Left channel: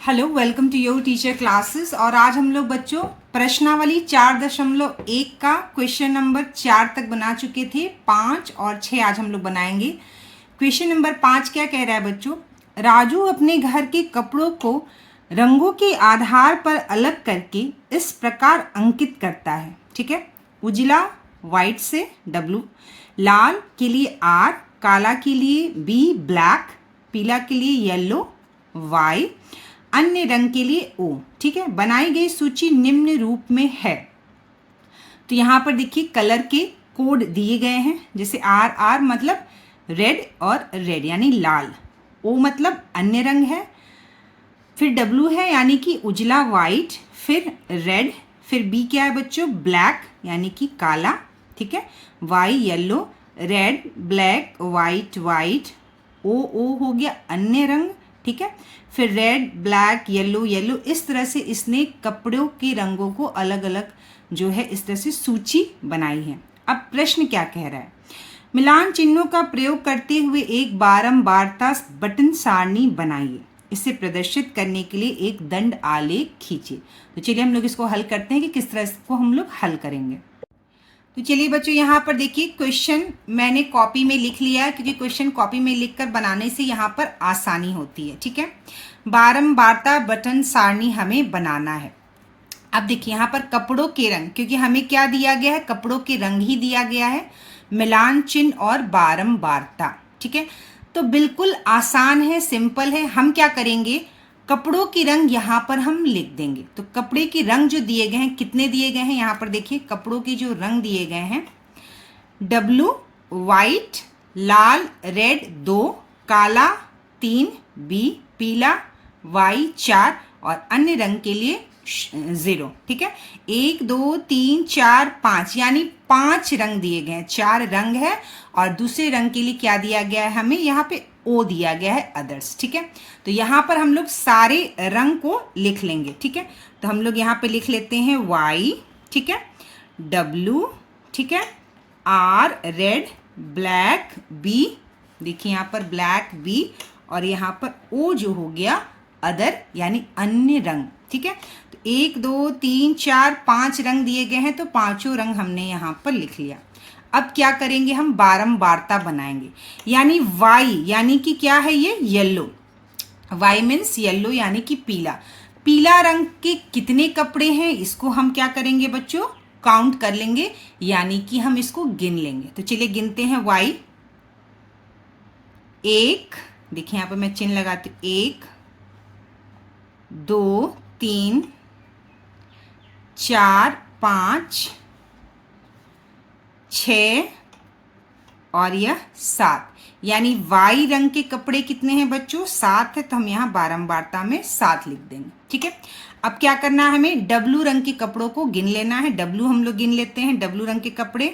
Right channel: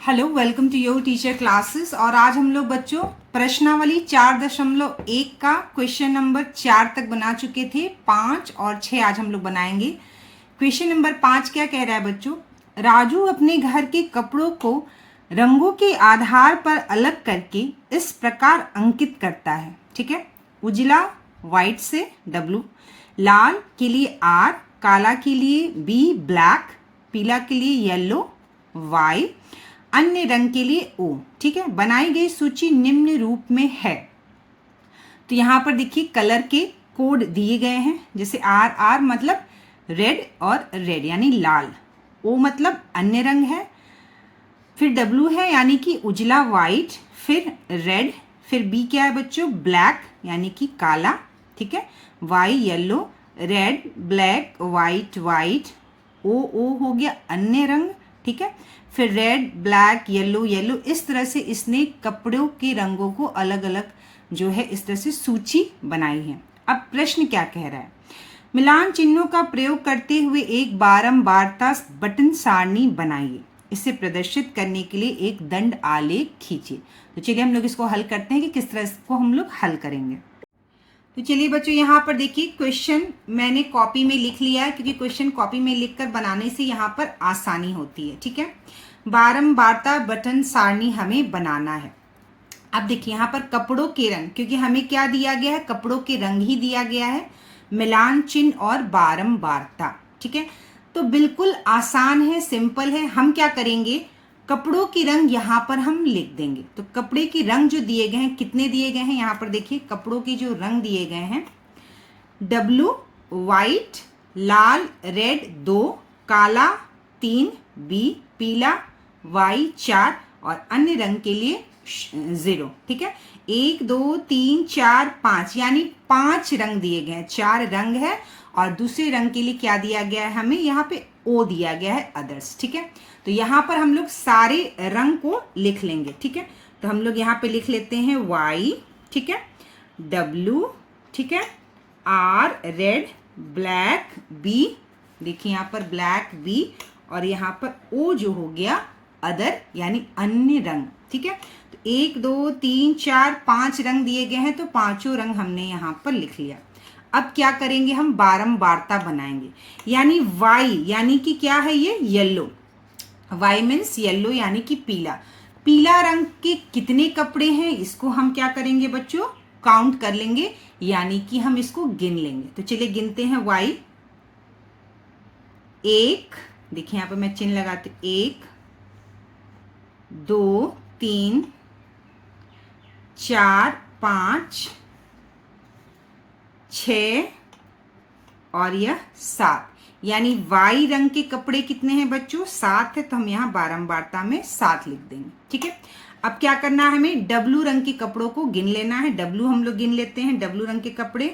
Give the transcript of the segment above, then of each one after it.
Hello, welcome to your teacher classes. और आज हम लोग बच्चों प्रश्नावली 4.1 का क्वेश्चन नंबर 4 तक बना चुके थे। 5 और 6 आज हम लोग बनाएंगे। क्वेश्चन नंबर 5 क्या कह रहा है बच्चों? राजू अपने घर के कपड़ों को रंगों के आधार पर अलग करके इस प्रकार अंकित करता है। ठीक है, उजला व्हाइट से W, लाल के लिए R, काला के लिए B, ब्लैक, पीला के लिए येलो Y, अन्य रंग के लिए O। ठीक है, बनाई गई सूची निम्न रूप में है। तो यहां पर देखिए कलर के कोड दिए गए हैं, जैसे R मतलब रेड और रेड यानी लाल, O मतलब अन्य रंग है, फिर W है यानी कि उजला व्हाइट, फिर रेड, फिर B क्या है बच्चों? ब्लैक यानी कि काला। ठीक है, Y yellow, red black white white, O हो गया अन्य रंग। ठीक है, फिर रेड ब्लैक येलो येलो, इस तरह से इसने कपड़ों के रंगों को अलग अलग जो है इस तरह से सूची बनाई है। अब प्रश्न क्या कह रहा है? मिलान चिन्हों का प्रयोग करते हुए एक बारंबारता बटन सारणी बनाइए। इसे प्रदर्शित करने के लिए एक दंड आलेख खींचिए। तो चलिए हम लोग इसको हल करते हैं कि किस तरह इसको हम लोग हल करेंगे। तो चलिए बच्चों यहाँ पर देखिए क्वेश्चन मैंने कॉपी में लिख लिया है, क्योंकि क्वेश्चन कॉपी में लिखकर बनाने से यहाँ पर आसानी होती है। ठीक है, बारंबारता बटन सारणी हमें बनाना है। अब देखिए यहाँ पर कपड़ों के रंग, क्योंकि हमें क्या दिया गया है? कपड़ों के रंग ही दिया गया है, मिलान चिन्ह और बारंबारता। ठीक है, तो बिल्कुल आसान है, सिंपल है। हम क्या करेंगे? कपड़ों के रंग यहाँ पर हम लिख देंगे। तो कपड़े के रंग जो दिए गए हैं, कितने दिए गए हैं यहाँ पर देखिए, कपड़ों के जो रंग दिए गए हैं, W व्हाइट, लाल रेड 2, काला 3, B पीला, Y 4 और अन्य रंग के लिए 0। ठीक है, 1 2 3 4 5 यानी 5 रंग दिए गए हैं, 4 रंग है। और दूसरे रंग के लिए क्या दिया गया है? हमें यहाँ पे O दिया गया है, अदर्स। ठीक है, तो यहाँ पर हम लोग सारे रंग को लिख लेंगे। ठीक है, तो हम लोग यहाँ पे लिख लेते हैं Y, ठीक है, W, ठीक है, R रेड, ब्लैक B, देखिए यहाँ पर ब्लैक B, और यहाँ पर O जो हो गया अदर यानी अन्य रंग। ठीक है, तो 1 2 3 4 5 रंग दिए गए हैं, तो पांचों रंग हमने यहाँ पर लिख लिया। अब क्या करेंगे? हम बारंबारता बनाएंगे, यानी Y यानी कि क्या है ये? येलो। Y मीन्स येलो यानी कि पीला। पीला रंग के कितने कपड़े हैं, इसको हम क्या करेंगे बच्चों? काउंट कर लेंगे, यानी कि हम इसको गिन लेंगे। तो चलिए गिनते हैं। Y 1, देखिए यहाँ पर मैं चिन्ह लगाती हूँ, 1 2 3 4 5 6 और यह 7, यानी वाई रंग के कपड़े कितने हैं बच्चों? 7 है, तो हम यहाँ बारंबारता में 7 लिख देंगे। ठीक है, अब क्या करना है? हमें W रंग के कपड़ों को गिन लेना है। W हम लोग गिन लेते हैं, W रंग के कपड़े।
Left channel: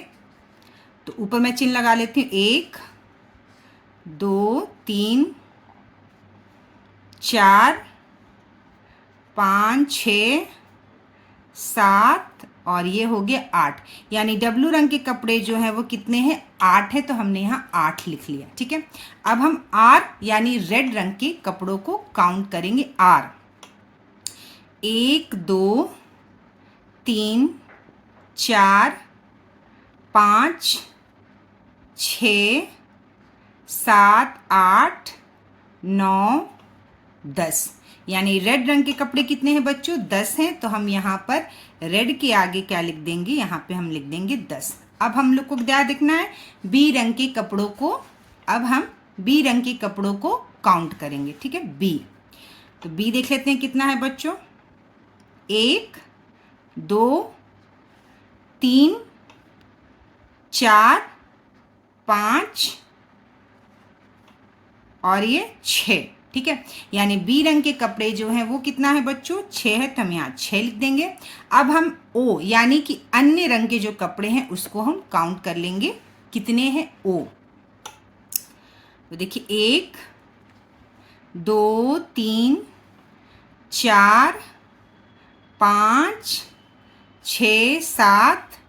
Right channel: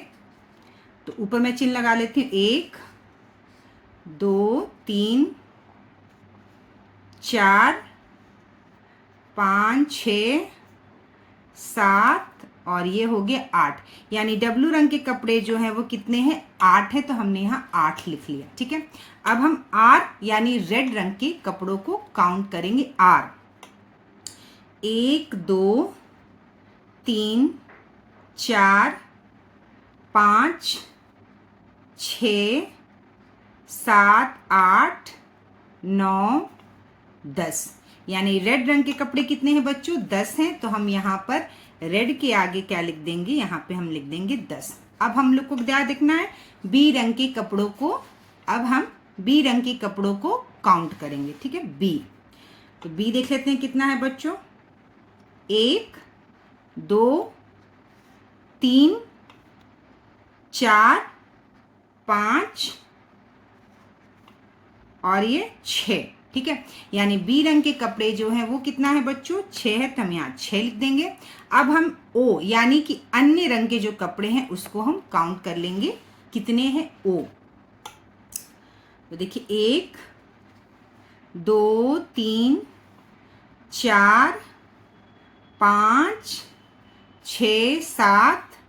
तो ऊपर मैं चिन्ह लगा लेती हूँ, 1 2 3 4 5 6 7 और ये हो गया 8, यानी W रंग के कपड़े जो है वो कितने हैं? 8 है, तो हमने यहाँ 8 लिख लिया। ठीक है, अब हम R यानी रेड रंग के कपड़ों को काउंट करेंगे। R 1 2 3 4 5 6 7 8 9 10, यानी रेड रंग के कपड़े कितने हैं बच्चों? 10 हैं, तो हम यहाँ पर रेड के आगे क्या लिख देंगे? यहाँ पे हम लिख देंगे 10। अब हम लोग को क्या देखना है? बी रंग के कपड़ों को। अब हम बी रंग के कपड़ों को काउंट करेंगे। ठीक है, बी, तो बी देख लेते हैं कितना है बच्चों? 1 2 3 4 5 और ये 6। ठीक है, यानी बी रंग के कपड़े जो हैं वो कितना है बच्चों? 6 है, तो हम यहाँ 6 लिख देंगे। अब हम O यानी कि अन्य रंग के जो कपड़े हैं उसको हम काउंट कर लेंगे, कितने हैं O? तो देखिए 1 2 3 4 5 6 7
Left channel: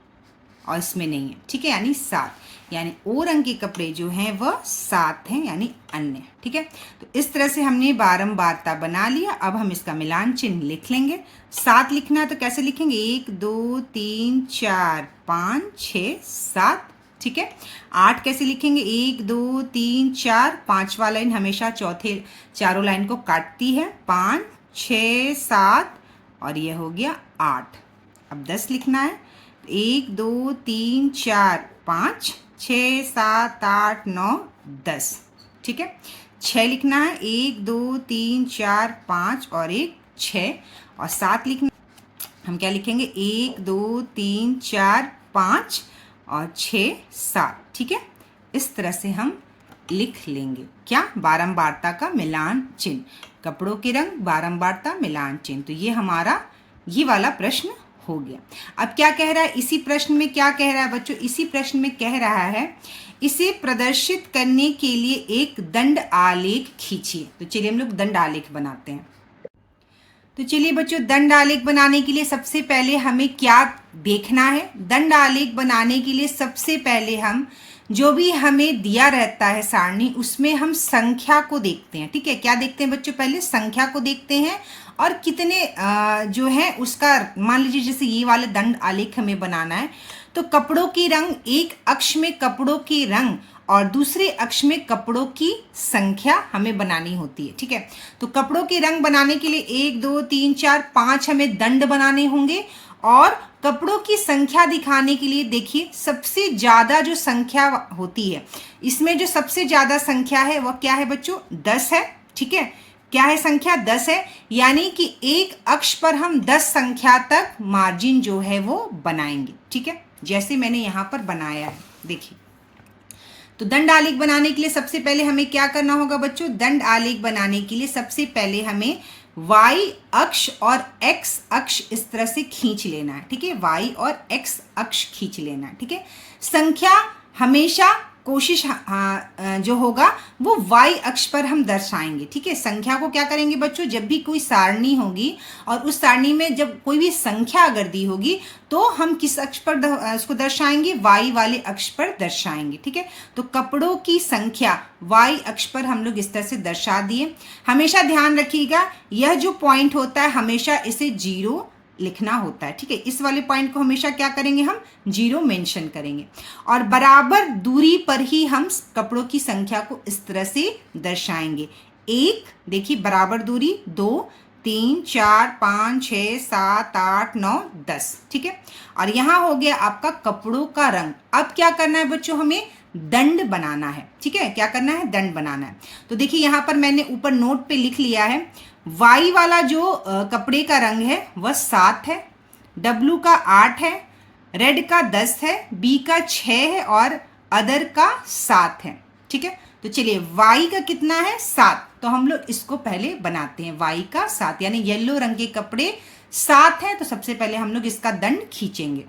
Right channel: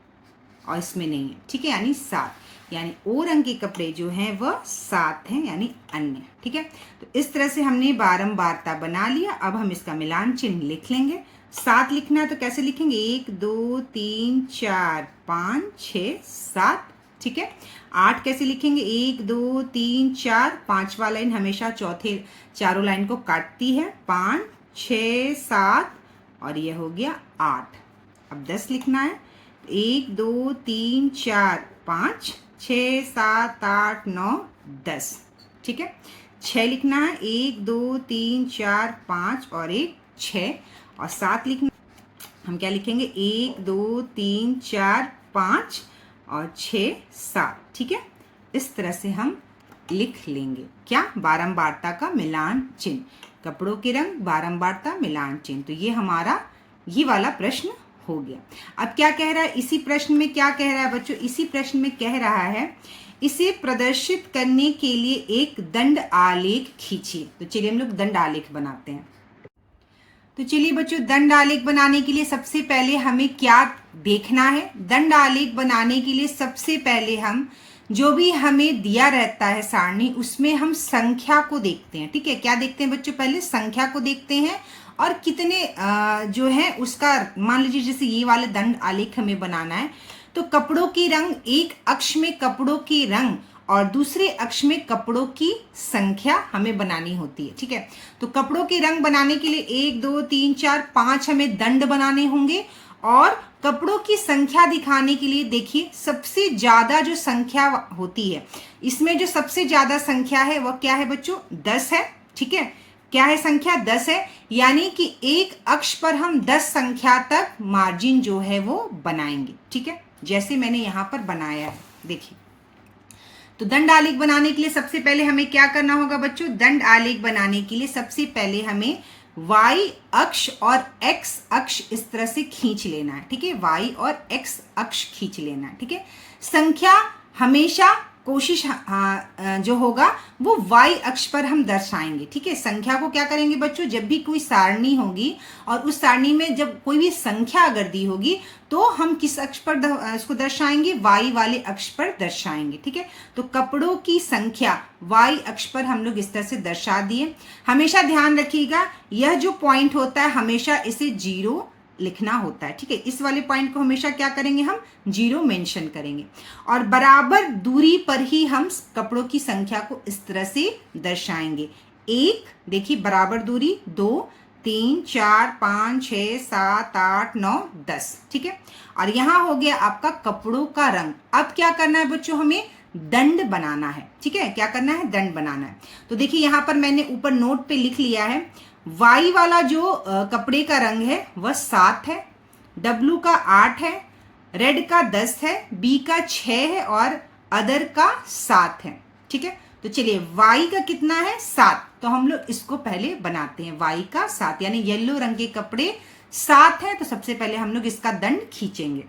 और इसमें नहीं है। ठीक है, यानी 7, यानी ओ रंग के कपड़े जो हैं वह 7 हैं, यानी अन्य। ठीक है, तो इस तरह से हमने बारंबारता बना लिया। अब हम इसका मिलान चिन्ह लिख लेंगे। 7 लिखना है तो कैसे लिखेंगे, 1 2 3 4 5 6 7। ठीक है, 8 कैसे लिखेंगे, 1 2 3 4, 5वां लाइन हमेशा चौथे चारों लाइन को काटती है, 5 6 7 और ये हो गया 8। अब 10 लिखना है, 1 2 3 4 5 6 7 8 9 10। ठीक है, 6 लिखना है, 1 2 3 4 5 और 1 6। और 7 लिखना, हम क्या लिखेंगे, 1 2 3 4 5 और 6 7। ठीक है, इस तरह से हम लिख लेंगे क्या, बारंबारता का मिलान चिन्ह, कपड़ों के रंग बारंबारता मिलान चिन्ह। तो ये हमारा ये वाला प्रश्न हो गया। अब क्या कह रहा है इसी प्रश्न में, क्या कह रहा है बच्चों, इसी प्रश्न में कह रहा है इसे प्रदर्शित करने के लिए एक दंड आलेख खींचिए। तो चलिए हम लोग दंड आलेख बनाते हैं। तो चलिए बच्चों, दंड आलेख बनाने के लिए सबसे पहले हमें क्या देखना है, दंड आलेख बनाने के लिए सबसे पहले हम जो भी हमें दिया रहता है सारणी, उसमें हम संख्या को देखते हैं। ठीक है, क्या देखते हैं बच्चों, पहले संख्या को देखते हैं और कितने जो है उसका, मान लीजिए जैसे ये वाले दंड आलेख हमें बनाना है तो कपड़ों के रंग, एक अक्ष में कपड़ों के रंग और दूसरे अक्ष में कपड़ों की संख्या हमें बनानी होती है। ठीक है, तो कपड़ों के रंग बनाने के लिए 1 2 3 4 5 हमें दंड बनाने होंगे और कपड़ों की संख्या दिखाने के लिए देखिए सबसे ज्यादा जो संख्या होती है, इसमें जो सबसे ज्यादा संख्या है वह क्या है बच्चों, 10 है। ठीक है, क्या है संख्या, 10 है, यानी कि एक अक्ष पर हम 10 संख्या तक मार्जिन जो है वो बनाएंगे। ठीक है, जैसे मैंने यहां पर बनाया है, देखिए। तो दंड आलेख बनाने के लिए सबसे पहले हमें क्या करना होगा बच्चों, दंड आलेख बनाने के लिए सबसे पहले हमें y अक्ष और x अक्ष इस तरह से खींच लेना है। ठीक है, y और x अक्ष खींच लेना है। ठीक है, संख्या हमेशा कोशिश जो होगा वो y अक्ष पर हम दर्शाएंगे। ठीक है, संख्या को क्या करेंगे बच्चों, जब भी कोई सारणी होगी और उस सारणी में जब कोई भी संख्या अगर दी होगी तो हम किस अक्ष पर इसको दर्शाएंगे, y वाले अक्ष पर दर्शाएंगे। ठीक है, तो कपड़ों की संख्या y अक्ष पर हम लोग इस तरह से दर्शा दिए। हमेशा ध्यान रखिएगा यह जो पॉइंट होता है हमेशा इसे 0 लिखना होता है। ठीक है, इस वाले पॉइंट को हमेशा क्या करेंगे, हम 0 मेंशन करेंगे और बराबर दूरी पर ही हम कपड़ों की संख्या को इस तरह से दर्शाएंगे। 1, देखिए बराबर दूरी, 2 3 4 5 6 7 8 9 10। ठीक है, और यहां हो गया आपका कपड़ों का रंग। अब क्या करना है बच्चों, हमें दंड बनाना है। ठीक है, क्या करना है, दंड बनाना है। तो देखिए यहां पर मैंने ऊपर नोट पे लिख लिया है, वाई वाला जो कपड़े का रंग है वह 7 है, डब्लू का 8 है, रेड का 10 है, बी का 6 है और अदर का 7 है। ठीक है, तो चलिए वाई का कितना है, 7। तो हम लोग इसको पहले बनाते हैं, वाई का 7 यानी येलो रंग के कपड़े 7 है। तो सबसे पहले हम लोग इसका दंड खींचेंगे।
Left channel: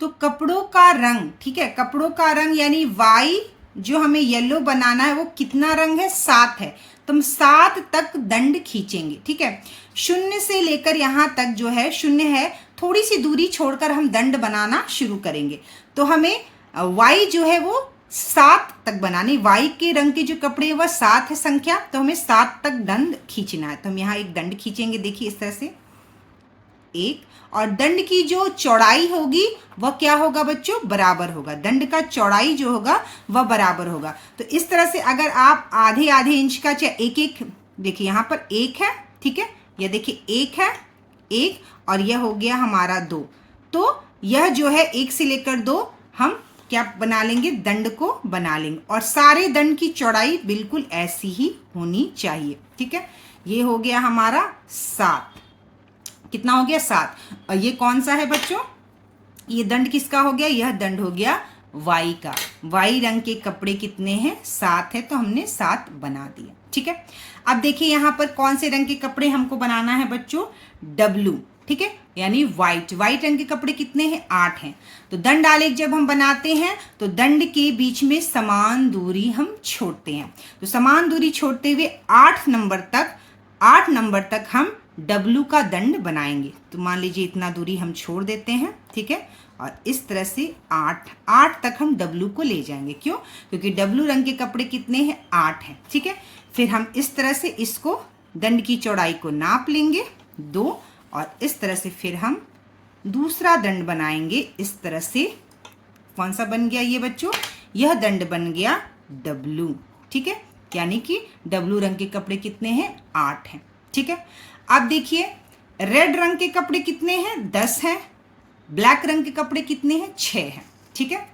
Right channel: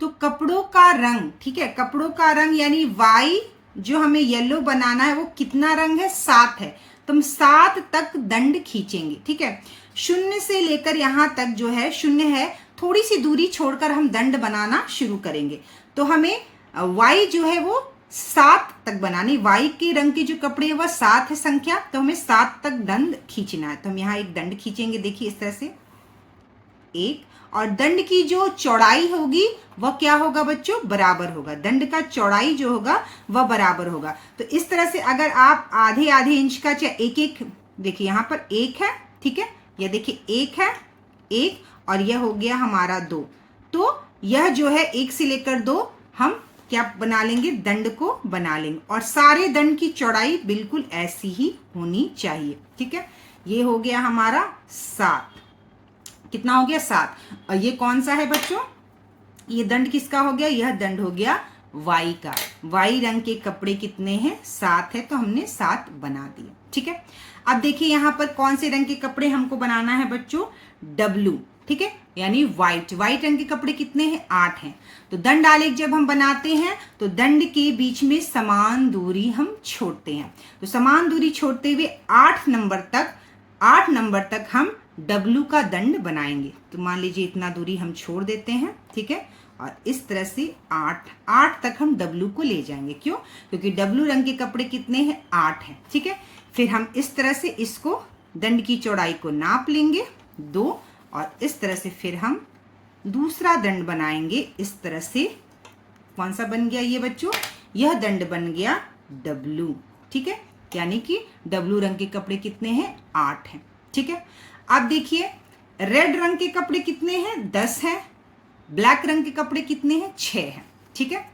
तो कपड़ों का रंग, ठीक है, कपड़ों का रंग यानी वाई जो हमें येलो बनाना है वो कितना रंग है, 7 है। तो हम 7 तक दंड खींचेंगे। ठीक है, 0 से लेकर यहां तक जो है 0 है, थोड़ी सी दूरी छोड़कर हम दंड बनाना शुरू करेंगे। तो हमें y जो है वो 7 तक बनानी, y के रंग के जो कपड़े हैं वह 7 है संख्या, तो हमें 7 तक दंड खींचना है। तो हम यहाँ एक दंड खींचेंगे, देखिए इस तरह से एक, और दंड की जो चौड़ाई होगी वह क्या होगा बच्चों, बराबर होगा। दंड का चौड़ाई जो होगा वह बराबर होगा। तो इस तरह से अगर आप आधे आधे इंच का चाहे एक एक, देखिए यहाँ पर 1 है, ठीक है, यह देखिए 1 है, 1 और यह हो गया हमारा 2। तो यह जो है 1 से लेकर 2 हम क्या बना लेंगे, दंड को बना लेंगे और सारे दंड की चौड़ाई बिल्कुल ऐसी ही होनी चाहिए। ठीक है, ये हो गया हमारा 7। कितना हो गया, 7। और ये कौन सा है बच्चों, ये दंड किसका हो गया, यह दंड हो गया वाई का। वाई रंग के कपड़े कितने हैं, 7 है, तो हमने 7 बना दिया। ठीक है, अब देखिए यहां पर कौन से रंग के कपड़े हमको बनाना है बच्चों, डब्लू। ठीक है, यानी व्हाइट। व्हाइट रंग के कपड़े कितने हैं, 8 हैं। तो दंड आलेख जब हम बनाते हैं तो दंड के बीच में समान दूरी हम छोड़ते हैं। तो समान दूरी छोड़ते हुए 8 नंबर तक हम डब्लू का दंड बनाएंगे। तो मान लीजिए इतना दूरी हम छोड़ देते हैं। ठीक है, और इस तरह से 8 तक हम W को ले जाएंगे। क्यों? क्योंकि W रंग के कपड़े कितने हैं? 8 हैं। ठीक है, फिर हम इस तरह से इसको दंड की चौड़ाई को नाप लेंगे 2, और इस तरह से फिर हम दूसरा दंड बनाएंगे। इस तरह से कौन सा बन गया ये बच्चों? यह दंड बन गया W। ठीक है, यानी कि W रंग के कपड़े कितने हैं? 8 हैं। ठीक है, अब देखिए रेड रंग के कपड़े कितने हैं? 10 हैं। ब्लैक रंग के कपड़े कितने हैं? 6 हैं। ठीक है,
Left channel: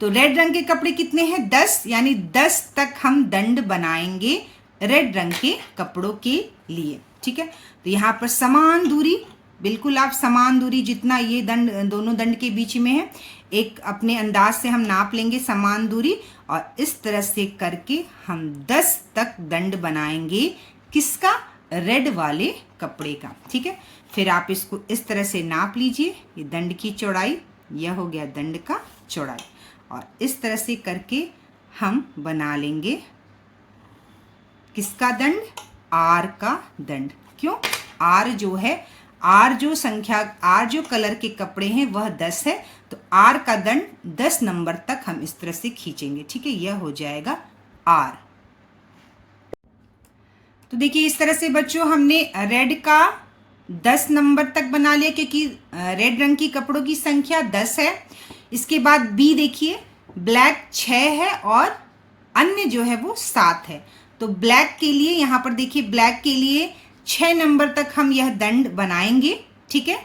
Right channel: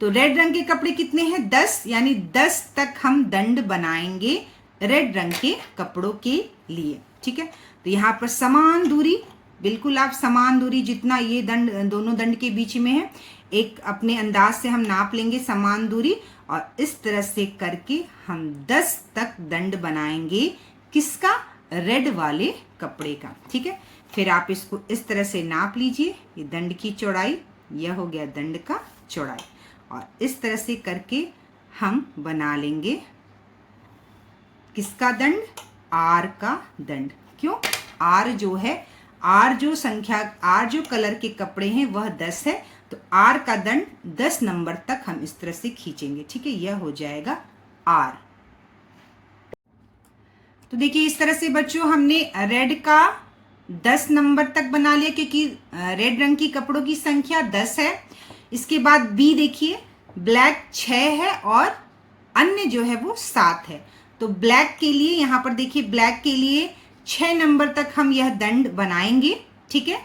तो रेड रंग के कपड़े कितने हैं? 10, यानी 10 तक हम दंड बनाएंगे रेड रंग के कपड़ों के लिए। ठीक है, तो यहाँ पर समान दूरी, बिल्कुल आप समान दूरी जितना ये दंड दोनों दंड के बीच में है, एक अपने अंदाज से हम नाप लेंगे समान दूरी, और इस तरह से करके हम 10 तक दंड बनाएंगे। किसका? रेड वाले कपड़े का। ठीक है, फिर आप इसको इस तरह से नाप लीजिए, ये दंड की चौड़ाई, यह हो गया दंड का चौड़ाई, और इस तरह से करके हम बना लेंगे किसका दंड? R का दंड। क्यों? R जो है, R जो संख्या, R जो कलर के कपड़े हैं वह 10 है, तो R का दंड 10 नंबर तक हम इस तरह से खींचेंगे। ठीक है, यह हो जाएगा R। तो देखिए इस तरह से बच्चों हमने रेड का 10 नंबर तक बना लिया, क्योंकि रेड रंग की कपड़ों की संख्या 10 है। इसके बाद B देखिए, ब्लैक 6 है और अन्य जो है वो 7 है। तो ब्लैक के लिए यहाँ पर देखिए, ब्लैक के लिए 6 नंबर तक हम यह दंड बनाएंगे। ठीक है,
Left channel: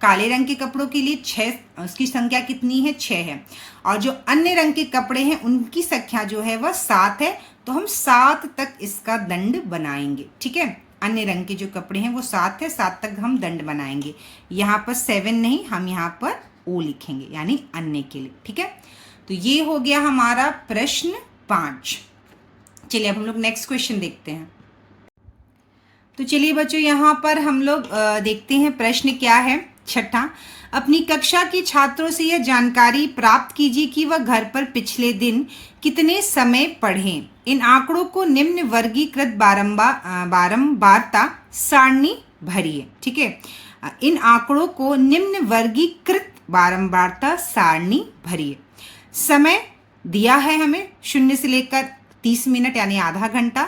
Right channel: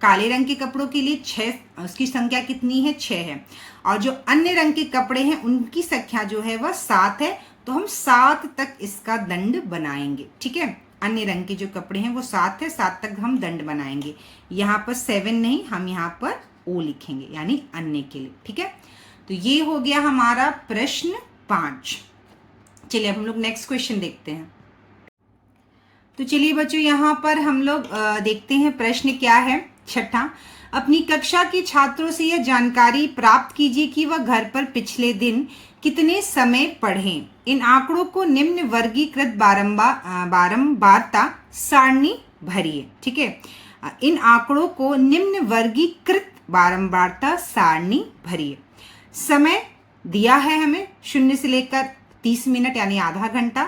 काले रंग के कपड़ों के लिए 6, उसकी संख्या कितनी है? 6 है। और जो अन्य रंग के कपड़े हैं उनकी संख्या जो है वह 7 है, तो हम 7 तक इसका दंड बनाएंगे। ठीक है, अन्य रंग के जो कपड़े हैं वो 7 है, 7 तक हम दंड बनाएंगे। यहाँ पर 7 नहीं, हम यहाँ पर O लिखेंगे, यानी अन्य के लिए। ठीक है, तो ये हो गया हमारा प्रश्न 5। चलिए अब हम लोग नेक्स्ट क्वेश्चन देखते हैं। तो चलिए बच्चों यहाँ पर हम लोग देखते हैं प्रश्न क्या है। 6, अपनी कक्षा के छात्रों से यह जानकारी प्राप्त कीजिए कि वह घर पर पिछले दिन कितने समय पढ़ें। इन आंकड़ों को निम्न वर्गीकृत बारंबारता सारणी भरिए। ठीक है, इन आंकड़ों को निम्न वर्गीकृत बारंबारता सारणी भरिए। समय दिया है हमें 0 से लेकर 30 मिनट यानी आधा घंटा,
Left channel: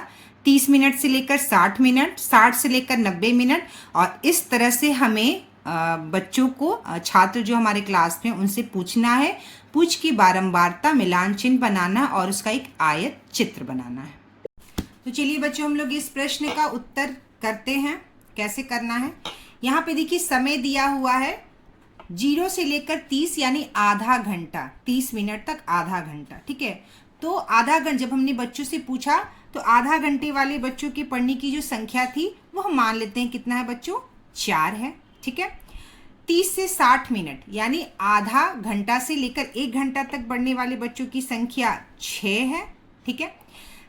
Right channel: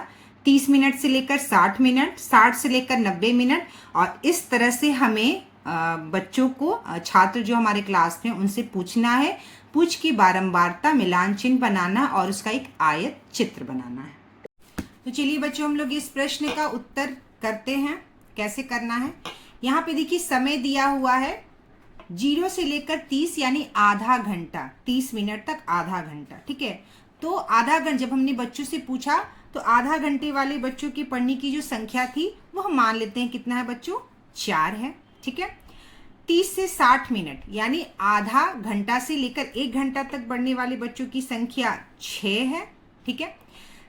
30 मिनट से लेकर 60 मिनट, 60 से लेकर 90 मिनट, और इस तरह से हमें बच्चों को, छात्र जो हमारे क्लास में उनसे पूछना है, पूछ की बारंबारता मिलान चिन्ह बनाना और उसका एक आयत चित्र बनाना है। तो चलिए बच्चों हम लोग इस प्रश्न का उत्तर करते हैं। कैसे करना है? यहाँ पे देखिए समय दिया हुआ है 0 से लेकर 30 यानी आधा घंटा, 30 मिनट तक आधा घंटा। ठीक है, तो आधा घंटा जब हमने बच्चों से पूछा तो आधा घंटे वाले बच्चों की पढ़ने की जो संख्या थी वो हम मान लेते हैं कितना है बच्चों? 4 है। ठीक है, 30 से 60 मिनट यानी आधा घंटा से लेकर 1 घंटा तक बढ़ने वाले बच्चों की संख्या 6 है। ठीक है,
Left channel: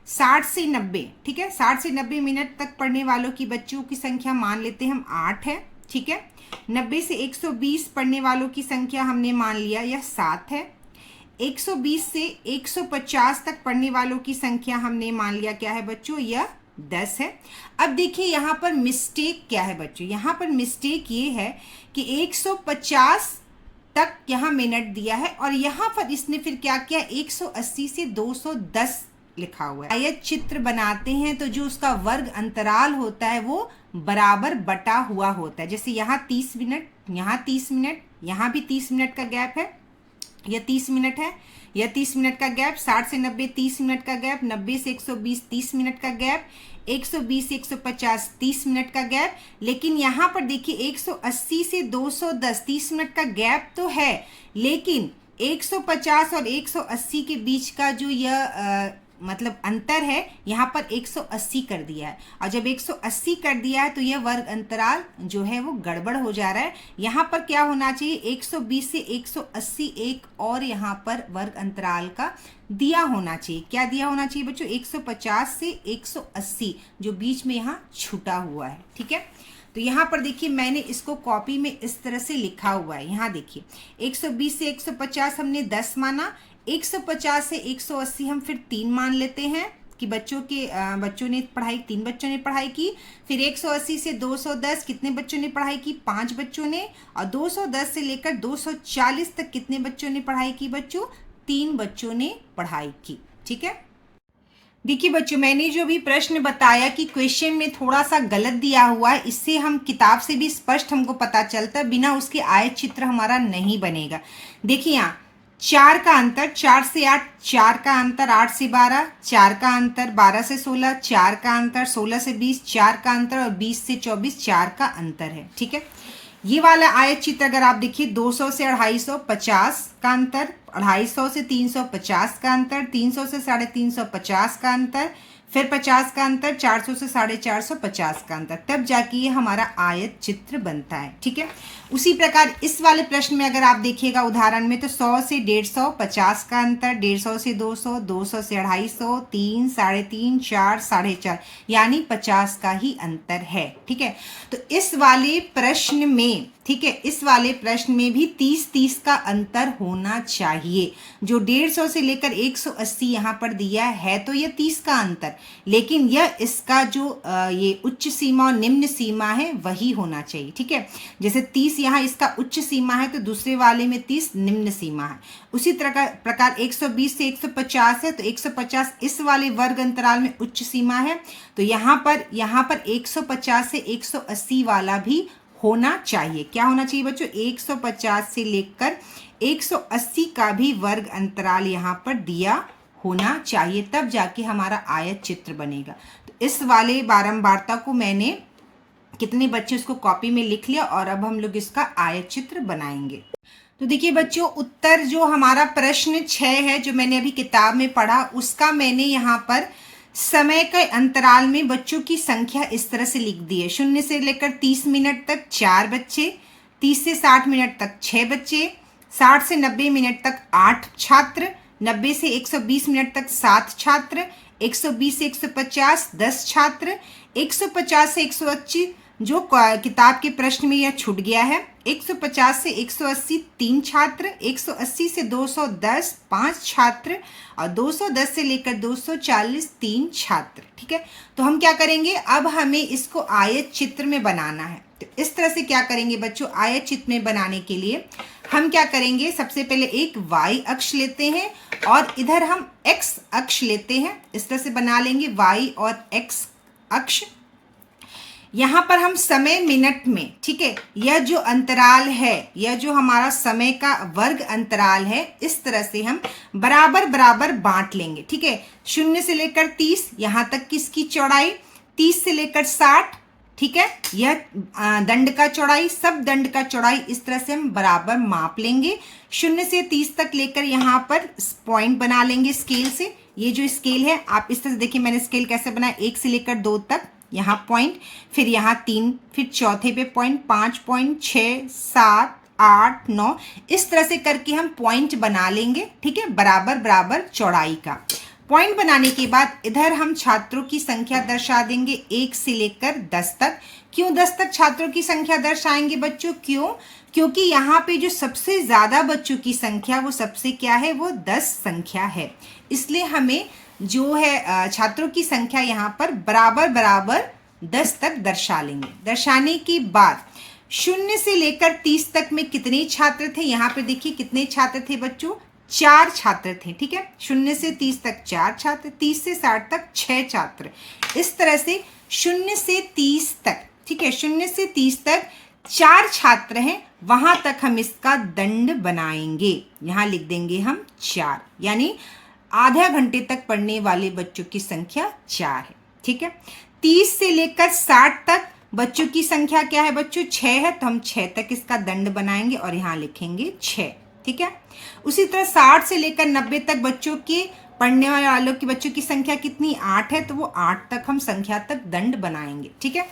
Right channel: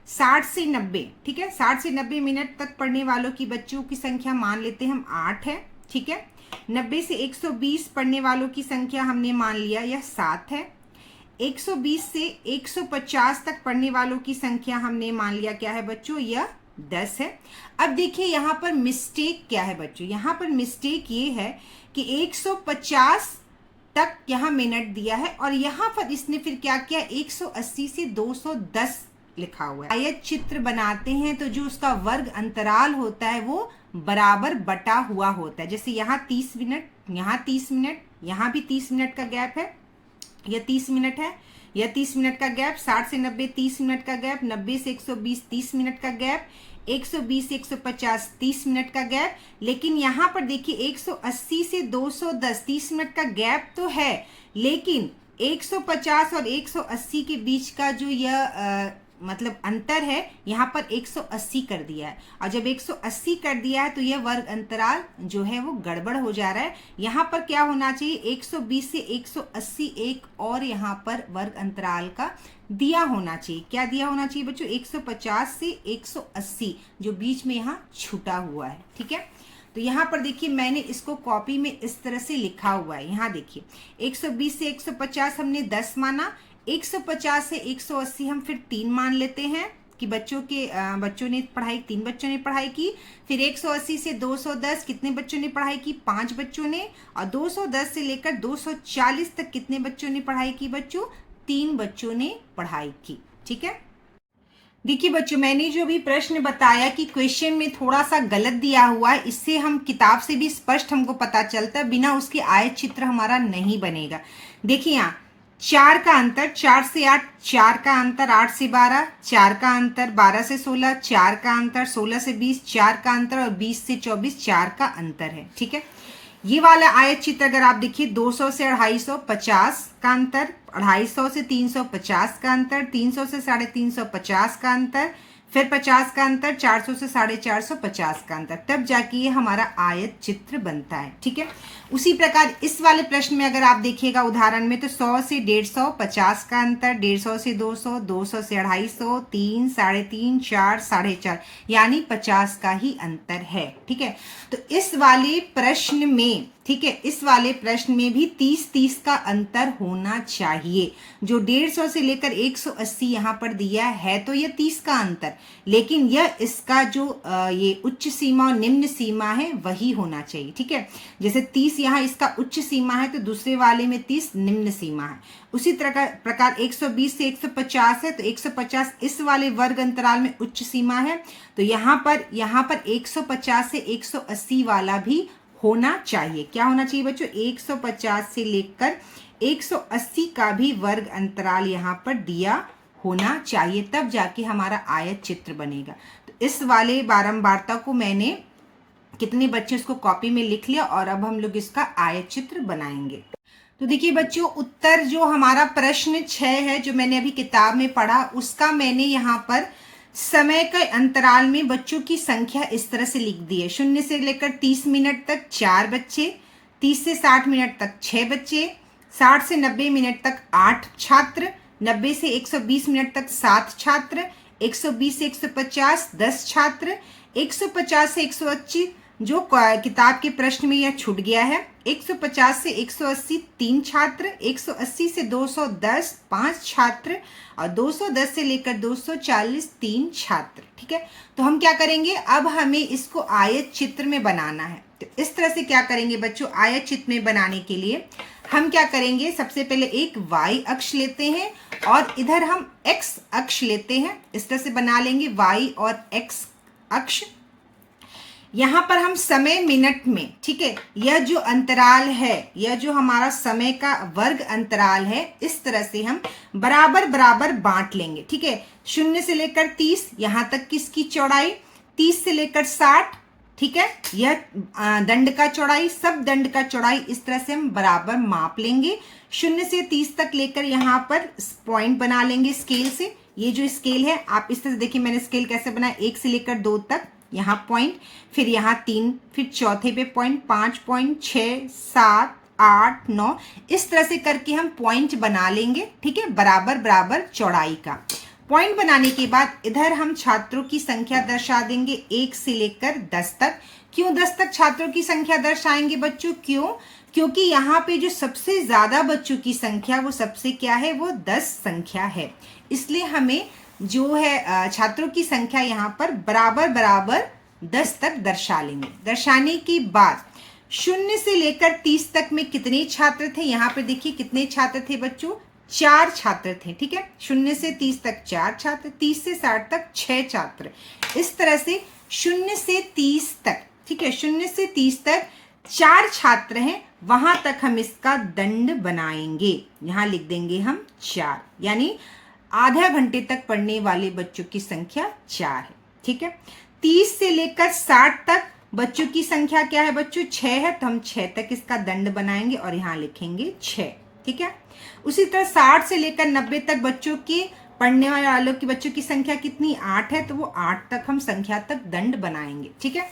60 से 90, ठीक है, 60 से 90 मिनट तक पढ़ने वालों की बच्चों की संख्या मान लेते हैं हम 8 है। ठीक है, 90 से 120 पढ़ने वालों की संख्या हमने मान लिया यह 7 है। 120 से 150 तक पढ़ने वालों की संख्या हमने मान लिया क्या है बच्चों? यह 10 है। अब देखिए यहाँ पर मिस्टेक क्या है बच्चों? यहाँ पर मिस्टेक ये है कि 150 तक यहाँ मिनट दिया है और यहाँ पर इसने फिर क्या किया? 180 से 210 लिखा हुआ है। आयत चित्र बनाते हैं तो जो उसका वर्ग अंतराल होता है वो बराबर बटा हुआ होता है। जैसे यहाँ 30 मिनट, यहाँ 30 मिनट, यहाँ भी 30 मिनट का गैप है, यह 30 मिनट है, यह 30 मिनट का गैप, 60 से 90 30 मिनट का गैप, 90 से 120 30 मिनट का गैप, 120 से 150 30 मिनट का गैप। लेकिन यहाँ पर देखिए 180 से 210 30 मिनट का गैप तो है, लेकिन 150 और 180 के बीच का जो यह मतलब अंतर है यहाँ पर 180 कर दिया है। और जब 180 कर दिया है तो यह वर्ग अंतराल जो है वो गड़बड़ हो जा रहा है। यहाँ पर क्या होना चाहिए? 120 से 180 एक और यहाँ पर वर्ग अंतराल का दिया होना चाहिए। क्या दिया होना चाहिए बच्चों? 150 से 180 जो बीच में यहाँ छूटा हुआ है। ठीक है, तो यहाँ पर देखिए मैंने इसको कॉपी में इस तरह से लिखा हुआ है। यहाँ देखिए 120 से 150 हमने 10 माना, 150 से 180 हम फिर 3 मान लेते हैं, कि बच्चों ने पढ़ाई, 3 बच्चों ने पढ़ाई की। फिर 180 से 210 कितने बच्चों ने पढ़ाई की? 5 बच्चों ने। और 210 से लेकर 240 तक कितने बच्चों ने पढ़ाई की बच्चों? 3 बच्चों ने पढ़ाई की। ठीक है, देखिए बच्चों, मैंने जो भी प्रश्न बताया कि क्वेश्चन में थोड़ा सा गलत दिया हुआ है, इससे हम किताब से भी स्पष्ट हमको पता चलता है, बिना उसके आयत चित्र हमारा नहीं बनेगा। देखिए यहाँ 4 का अंतर, 4 से 8, 4 का अंतर, 8 से 12, 4 का अंतर, 12 से 16, 4 का अंतर, 16 से 20, 4 का अंतर, और 20 से 24, 4 का अंतर है। ठीक है, ये वाला आयत चित्र अगर आप देखिए, 200 से 250, 50 का अंतर, 250 से 350 का अंतर, 300 से 350, 50 का अंतर, फिर 50 का अंतर, 400 से 450, 50 का अंतर, तब जाके ये हमारा आयत चित्र बनता है। ठीक है, उसी प्रकार इस वाले प्रश्न में अगर आप देखिएगा उदाहरण में, तो 100 से 150, 50 का अंतर, 150 से 200, 200 से 250, 3, 3.5, 4, 4.5, यानी 50 का ही अंतर है। ठीक है, तो इस वाले प्रश्न में, ठीक है, इस वाले प्रश्न में भी 30-30 का अंतर होना चाहिए। जो 150 से लेकर 180 यहाँ पर दिया है, तो यह 30 का अंतर, लेकिन यह इसका जो ये उच्च सीमा और निम्न सीमा है वही होना चाहिए। ठीक है, जैसे 30 यहाँ इसका उच्च सीमा है, तो दूसरे वाले में 30 निम्न सीमा है। उसी प्रकार 120 से 150 है, तो 150 इस वाले वर्ग अंतराल में उच्च सीमा है, तो यहाँ पर 150 से 180 वाला भी होना चाहिए। क्या होना चाहिए बच्चों? 150 से लेकर 180 का भी वर्ग अंतराल यहाँ पर दिया होना चाहिए, तब जाके हमारा आयत चित्र बनेगा। तो इस वाले बारंबारता को मैंने, कितने बच्चे उसको कॉपी में लिख लिया, और अब हम लोग इसका आयत चित्र बनाएंगे। तो देखिए बच्चों, उत्तर जो हमारा प्रश्न 6 है, जो मैंने अभी किताब में पढ़ा, उसका मैंने यहाँ पर समय के अंतराल में बच्चों की संख्या इस तरह से लिख दी है। 0 से लेकर 30 मिनट तक 4 बच्चे, 30 से 60 मिनट तक 6 बच्चे, 60 से 90 मिनट तक 8 छात्र, 90 से 120 मिनट तक 7 छात्र, 120 से 150 10 छात्र, 150 से 180 जो किताब के प्रश्न में यह छूट गया है, 150 से 180 3 छात्र, 180 से 210 5 छात्र, और 210 से लेकर 240 3 छात्र। ठीक है, तो हम क्या करेंगे, अब हमें इसको आयत चित्र में बनाना है। तो इस तरह से क्या करेंगे बच्चों, आयत चित्र में बनाने के लिए हम क्या करेंगे, सबसे पहले एक y अक्ष लेते हैं और इधर हम x अक्ष लेते हैं। इस तरह से बना लेंगे y और x अक्ष। यहाँ पर हम समय मिनट में, ठीक है, यह जो अंतराल है, यह जो हमारा समय का वर्ग अंतराल है, इस तरह से हम बराबर बराबर बांट लेंगे। ठीक है, 0 से लेकर 30 यहाँ तक किसकी चौड़ाई, 30 से लेकर 60, ठीक है, यह दंड का चौड़ाई, सब दंड का चौड़ाई इस तरह से हम बराबर माप लेंगे। 0 से 30 तक लेकर यहाँ पर पॉइंट बना लेंगे स्केल से। ये जो स्केल है, आप इस तरह से देखिए मैंने स्केल कैसे बनाया, 1 से लेकर 2 तक यहाँ पॉइंट, फिर यहाँ 3, फिर चौथे पे पॉइंट, 5 पॉइंट, 6 7 8 9, इस तरह से करके हम पॉइंट बना लेंगे। ठीक है, बराबर बराबर चौड़ाई का पॉइंट बनाने के बाद इधर हम छात्रों की संख्या दर्शा देंगे 1 से लेकर 10 तक। क्यों 10 तक छात्रों की संख्या दर्शाएंगे बच्चों? क्योंकि यहाँ पे जो सबसे ज्यादा बच्चों की संख्या, वो सबसे क्या है, वो 10 संख्या है, इसलिए हमें जो है छात्रों की संख्या यहाँ पर बराबर बराबर 10 तक दर्शा लेंगे। दर्शाने के बाद 0 से लेकर 30 तक में कितने छात्र थे, यहाँ पे देखिए कितने छात्र थे बच्चों, 4 छात्र थे। ठीक है, 0 से 30 तक 4 छात्र, 30 से 60 तक 6 छात्र। इस तरह से 0 से 30 तक, ठीक है, 0 से 30 तक 4 छात्र हैं, वहां तक हम इसका दंड बनाएंगे। यहाँ लिख देंगे हम 4, यानी आधा घंटे तक पढ़ने वाले बच्चों की संख्या 4 है। ठीक है, 30 से लेकर 60 तक बच्चों की संख्या क्या है बच्चों, 6 है, तो हम 6 तक इसका दंड बनाएंगे और यहाँ लिखेंगे 6। ठीक है, उसी तरह 60 से लेकर 90 तक बच्चों के पढ़ने वालों की बच्चों की संख्या कितनी, 8 है, तो वो 8 तक हम संख्या तक दंड बनाएंगे। ठीक है,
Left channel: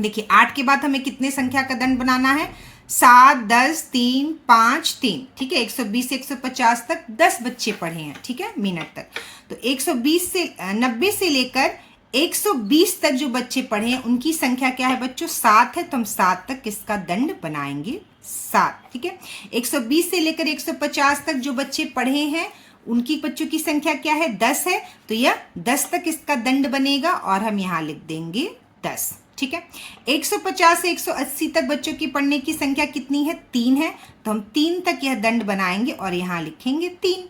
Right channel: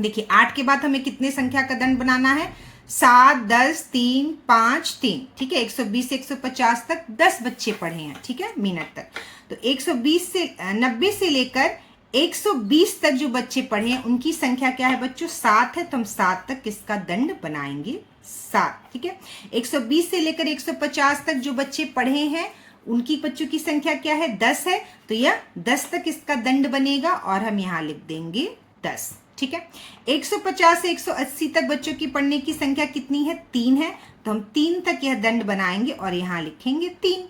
देखिए 8 के बाद हमें कितने संख्या का दंड बनाना है, 7 10 3 5 3। ठीक है, 120 से 150 तक 10 बच्चे पढ़े हैं, ठीक है, मिनट तक। तो 120 से 90 से लेकर 120 तक जो बच्चे पढ़े हैं उनकी संख्या क्या है बच्चों, 7 है, तो हम 7 तक इसका दंड बनाएंगे 7। ठीक है, 120 से लेकर 150 तक जो बच्चे पढ़े हैं उनकी बच्चों की संख्या क्या है, 10 है, तो यह 10 तक इसका दंड बनेगा और हम यहाँ लिख देंगे 10। ठीक है। 150 से 180 तक बच्चों की पढ़ने की संख्या कितनी है, 3 है, तो हम 3 तक यह दंड बनाएंगे और यहाँ लिखेंगे 3।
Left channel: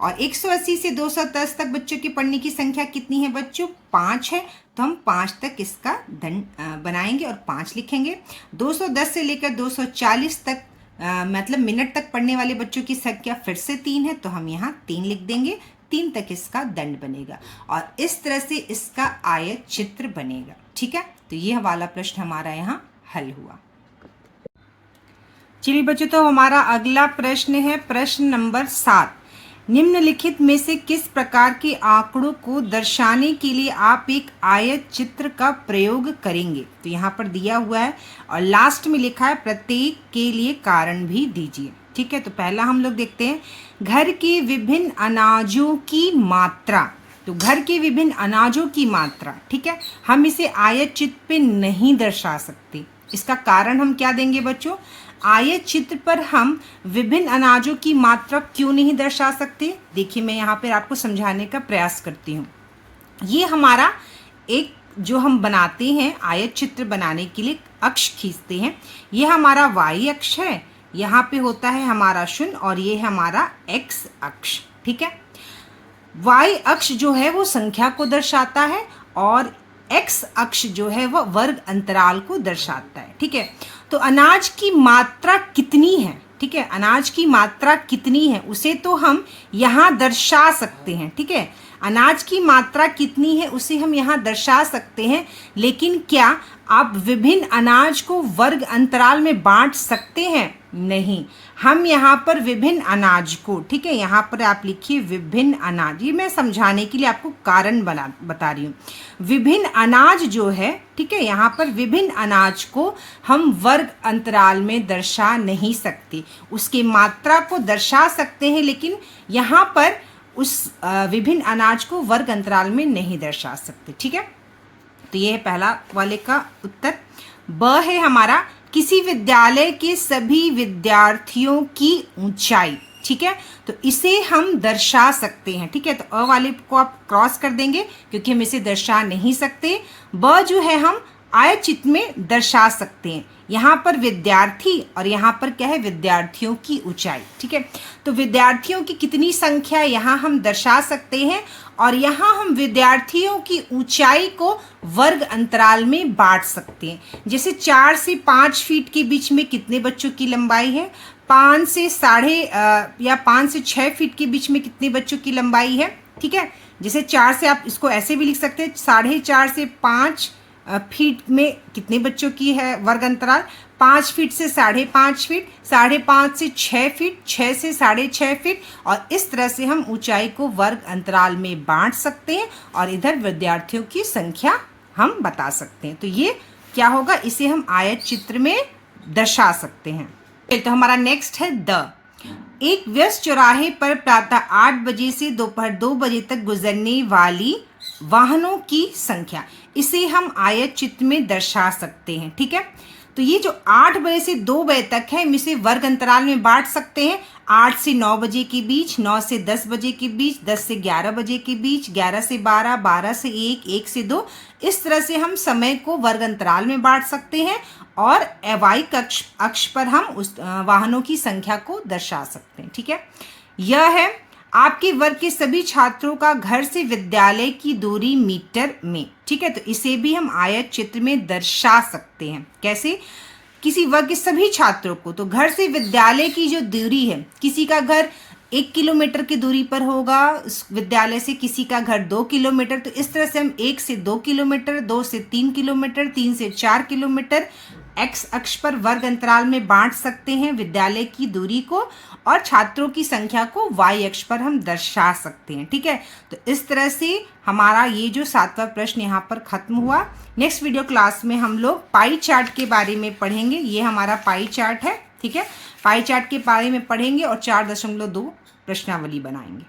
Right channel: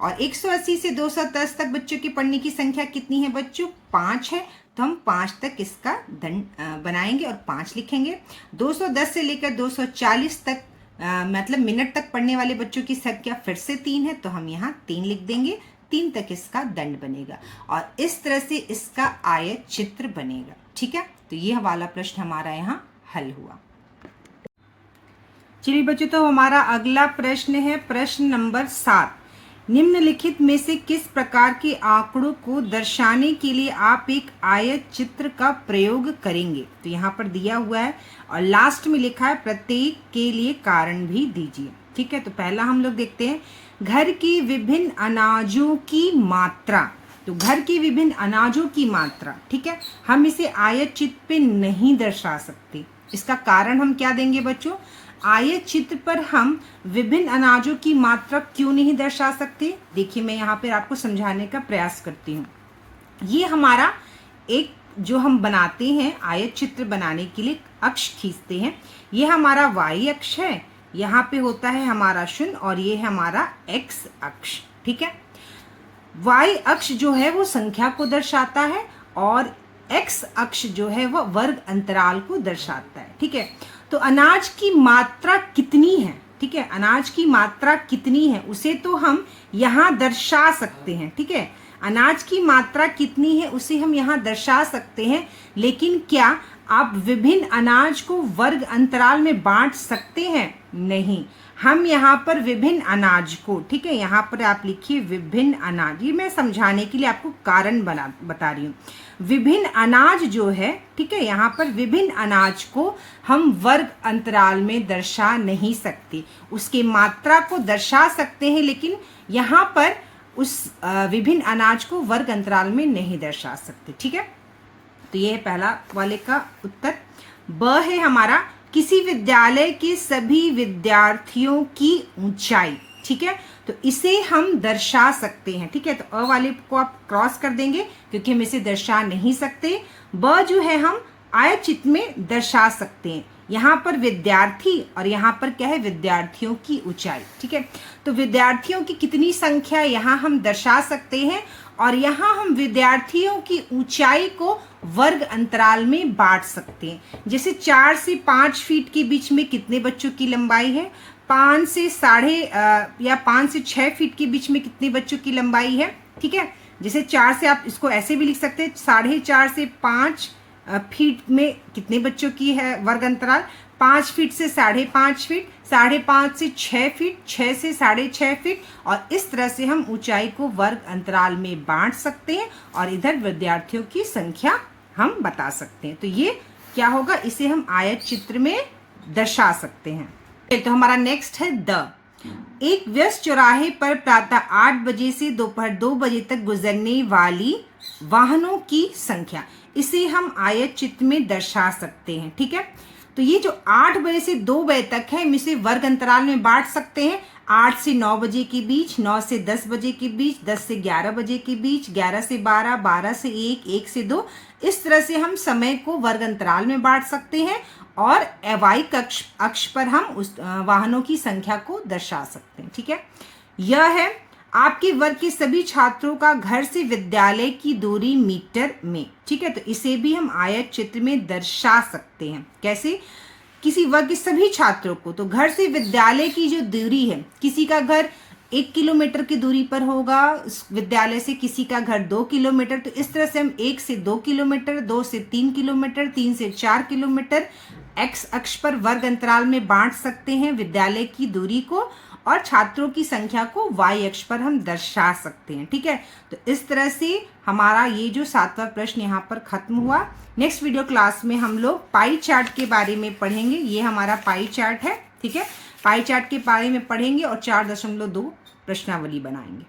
और 180 से 210 तक बच्चों की पढ़ने की संख्या कितनी है बच्चों, 5 है, तो हम 5 तक इसका दंड बनाएंगे और 5 लिखेंगे। 210 से लेकर 240 तक मतलब मिनट तक पढ़ने वाले बच्चों की संख्या फिर से 3 है, तो हम यहाँ 3 लिख देंगे, 3 तक इसका दंड बनेगा और इस तरह से इसका आयत चित्र बनेगा। ठीक है, तो यह वाला प्रश्न हमारा यहाँ हल हुआ। चलिए बच्चों, तो हमारा अगला प्रश्न है प्रश्न नंबर 7। निम्नलिखित में से किस प्रकार के आंकड़ों को दर्शाने के लिए आप एक आयत चित्र का प्रयोग करेंगे। तो यहाँ पर दिया हुआ है और लास्ट में लिखा है प्रत्येक के लिए कारण भी दीजिए। ठीक है, तो पहला हम लोग देखते हैं घर के विभिन्न अनाजों की मात्रा। तो घर के विभिन्न अनाजों की मात्रा, ठीक है, हम इसे आयत चित्र पे नहीं दर्शा सकते। इसका कारण हम क्या देंगे बच्चों, आयत चित्र पर हम विभिन्न अनाजों की मात्रा क्यों नहीं दर्शा सकते। देखिए, मैं यहाँ पर आपको समझाने का प्रयास करती हूँ। ये हमारा एक जो हम बनाते हैं आयत चित्र बनाने के लिए अक्ष खींचते हैं, ये हमारा y अक्ष है, यहाँ पे होता है हमारा 0 और ये है हमारा x अक्ष। ठीक है, y अक्ष जो है वो संख्या को दर्शाता है और x अक्ष जो है वह वर्ग अंतराल को दर्शाता है। ठीक है, तो अनाज की मात्रा कितनी है, ठीक है, अनाज की मात्रा कितनी है उसे तो हम यहाँ दर्शा सकते हैं। ठीक है, अनाज की मात्रा कितनी है उसे हम यहाँ दर्शा सकते हैं, लेकिन क्या आप विभिन्न अनाज को वर्ग अंतराल में बांट सकते हैं, नहीं। हम यहाँ पर विभिन्न अनाज को, ठीक है, यहाँ पर आप लिखिए विभिन्न अनाज, ये मैं समझाने के लिए आपको कारण बता रही हूँ। विभिन्न अनाज जो है, ठीक है, यहाँ पर विभिन्न अनाज को हम वर्ग अंतराल में दर्शा नहीं सकते, उसके मात्रा को दर्शा सकते हैं, लेकिन यहाँ पर उस विभिन्न अनाज को वर्ग अंतराल में नहीं दर्शा सकते। ठीक है, तो ये है पहला वाले का उत्तर। ब है हमारा किसी विद्यालय के सभी विद्यार्थियों की ऊंचाई। ठीक है, तो इसे हम दर्शा सकते हैं। ठीक है, तो अ वाले को आप क्रॉस कर देंगे क्योंकि हम इसे दर्शा नहीं सकते। ब जो है हम आयत चित्र में दर्शा सकते हैं। यहाँ पर विद्यार्थी और यहाँ पर क्या है, विद्यार्थियों की ऊंचाई। ठीक है, तो विद्यार्थियों की कितनी संख्या यहाँ हम दर्शा सकते हैं और यहाँ हम विद्यार्थियों की ऊंचाई को वर्ग अंतराल में बांट सकते हैं। जैसे 4 से 5 फीट के बीच में कितने बच्चों की लंबाई है, 5 से 6 फीट के बीच में कितने बच्चों की लंबाई है। ठीक है, जैसे 4 से आप इसको ऐसे भी लिख सकते हैं, 4.5 से 5 फीट में कितने बच्चों की है वर्ग अंतराल, 5 फीट से 5.5 फीट, 5.5 से 6 फीट, 6 से 6.5 फीट, और इस तरह से हम ऊंचाई को वर्ग अंतराल में बांट सकते हैं और इधर विद्यार्थियों की संख्या हम बता सकते हैं। तो ये क्या होगा, इसे हम आयत चित्र में दर्शा सकते हैं। तो हमारा नेक्स्ट है द। एक व्यस्त चौराहे पर प्रातः 8 बजे से दोपहर 2 बजे तक गुजरने वाली वाहनों की संख्या, इसे हम आयत चित्र में दर्शा सकते हैं। ठीक है, तो ये जो 8 बजे से 2 बजे तक है, हम इसे वर्ग अंतराल में बांट सकते हैं। 8 से 9 बजे के बीच, 9 से 10 बजे के बीच, 10 से 11 बजे के बीच, 11 से 12, 12 से 1, 1 से 2, इस तरह से हम समय को वर्ग अंतराल में बांट सकते हैं और y अक्ष पर हम उस वाहनों की संख्या को दर्शा सकते हैं। ठीक है, यह है आपके वर्ग के सभी छात्रों का घर से विद्यालय की दूरी मीटर में। ठीक है, तो इसे भी हम आयत चित्र में दर्शा सकते हैं। कैसे, किसी वर्ग के सभी छात्रों को, तो घर से विद्यालय की जो दूरी है, किसी का घर 1 किलोमीटर की दूरी पर होगा विद्यालय से, किसी का घर 2 किलोमीटर, तो इस तरह से हम 1 से 2 किलोमीटर, 2 से 3 किलोमीटर, 3 से 4 किलोमीटर x अक्ष पर वर्ग अंतराल में बांट सकते हैं विद्यालय की दूरी को, और छात्रों की संख्या को y अक्ष पर हम दर्शा सकते हैं। ठीक है, तो इस तरह से हमारा ये जो 7वां प्रश्न यहाँ पर खत्म हुआ। नेक्स्ट वीडियो क्लास में हम लोग पाई चार्ट के बारे में पढ़ेंगे। ये हमारा पाई चार्ट है। ठीक है, पाई चार्ट के बारे में पढ़ेंगे और 4.2 प्रश्नावली बनाएंगे।